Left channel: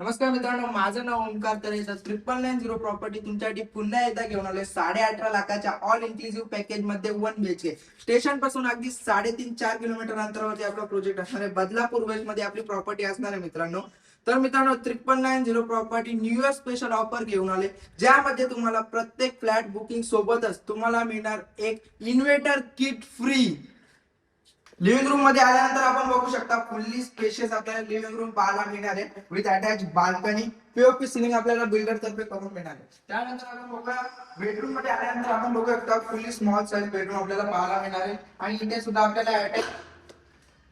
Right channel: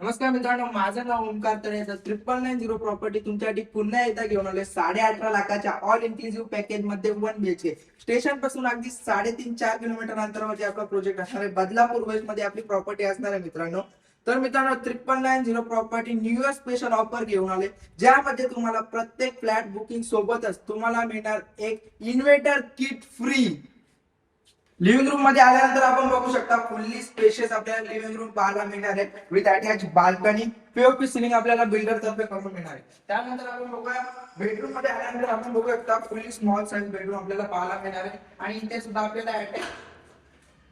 नमस्कार मित्रांनो, माझं नाव ओमकार तळेकर. 9990 प्रॉपर्टी तुमच्यासाठी पुन्हा एकदा घेऊन आलोय 8.5 लाखाच्या ऑल इन्क्लुझिव्ह पॅकेज मध्ये 1 BHK. स्टेशन पासून अगदी 3.5-4 किलोमीटर अंतरावरती आपला प्रोजेक्ट असणार आहे. बदलापूर वेस्ट मध्ये आपली प्रॉपर्टी असणार आहे मित्रांनो. तर मित्रांनो, 9990 property new year special offer घेऊन आले, ज्यामध्ये तुम्हाला प्रत्येक फ्लॅट बुकिंग सोबतच तुम्हाला मिळणार एक inverter kit free. Living room मध्ये आल्यानंतर आपण बघू शकता फुल्ली स्पेशियस आपल्याला लिव्हिंग रूम पाहायला मिळणार आहे with attach balcony. POP ceiling आपल्याला बिल्डर तर्फे करून मिळणार आहे. त्यानंतर आपण बघूया बेडरूम मध्ये आल्यानंतर आपण बघू शकता फुल्ली स्मॉल साइज बेडरूम आपल्याला पाहायला मिळणार आहे आणि इथे सुद्धा आपल्याला अटॅच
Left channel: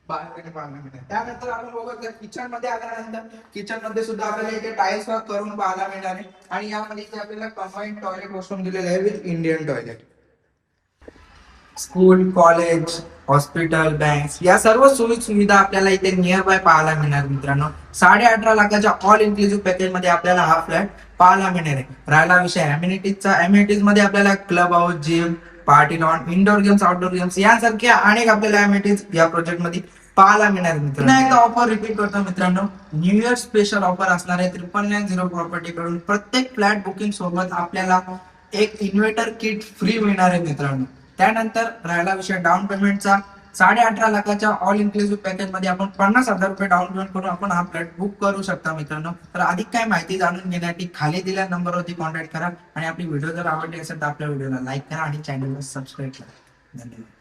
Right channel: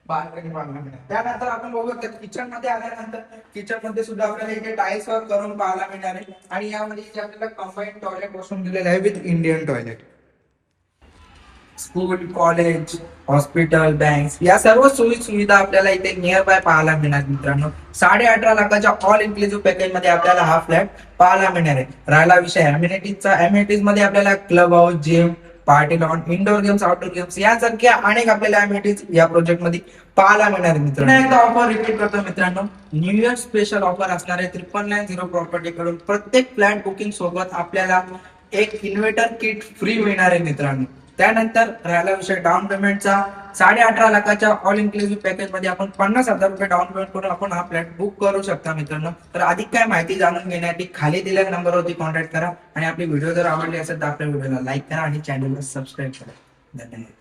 बाल्कनी पाहायला मिळणार. त्यानंतर आपण बघू शकता किचन मध्ये आल्यानंतर किचन मध्ये सुद्धा आपल्याला इथे टाइल्स वर्क करून पाहायला मिळणार आहे आणि यामध्ये इथे आपल्याला कंबाईन टॉयलेट वॉशरूम दिलेलं आहे with Indian toilet. School, college, hospital, banks या सर्व सोयी सुविधा आपल्याला इथे नियर बाय पाहायला मिळणार मित्रांनो. 18.5 लाखाच्या ऑल इन्क्लुझिव्ह पॅकेज मध्ये आपल्याला हा फ्लॅट पाहायला मिळणार आहे. राहिला विषय अम्युनिटीजचा. अम्युनिटीज मध्ये आपल्याला club house, gym, party lawn, indoor games, outdoor games यासारख्या अनेक आपल्याला अम्युनिटीज या प्रोजेक्ट मध्ये पाहायला मिळणार मित्रांनो. एकदा ऑफर रिपीट करतो मित्रांनो, न्यू इयर स्पेशल ऑफर असणार आहे 9990 प्रॉपर्टी कडून. प्रत्येक फ्लॅट बुकिंग सोबत आपल्याला एक इन्व्हर्टर किट फ्री मिळणार आहे मित्रांनो. त्यानंतर राहिला विषय डाऊन पेमेंटचा. 18.5 लाखाच्या ऑल इन्क्लुझिव्ह पॅकेज मध्ये आपण 50,000 रुपये डाऊन पेमेंट करून आपण हा फ्लॅट बुक करू शकता मित्रांनो. तर अधिक काय माहिती जाणून घेण्यासाठी खाली दिलेल्या नंबरवरती कॉन्टॅक्ट करा आणि आपली व्हिडिओ जर आवडली असेल तर आपल्या व्हिडिओला लाईक करा आणि चॅनलला सबस्क्राईब करा. धन्यवाद.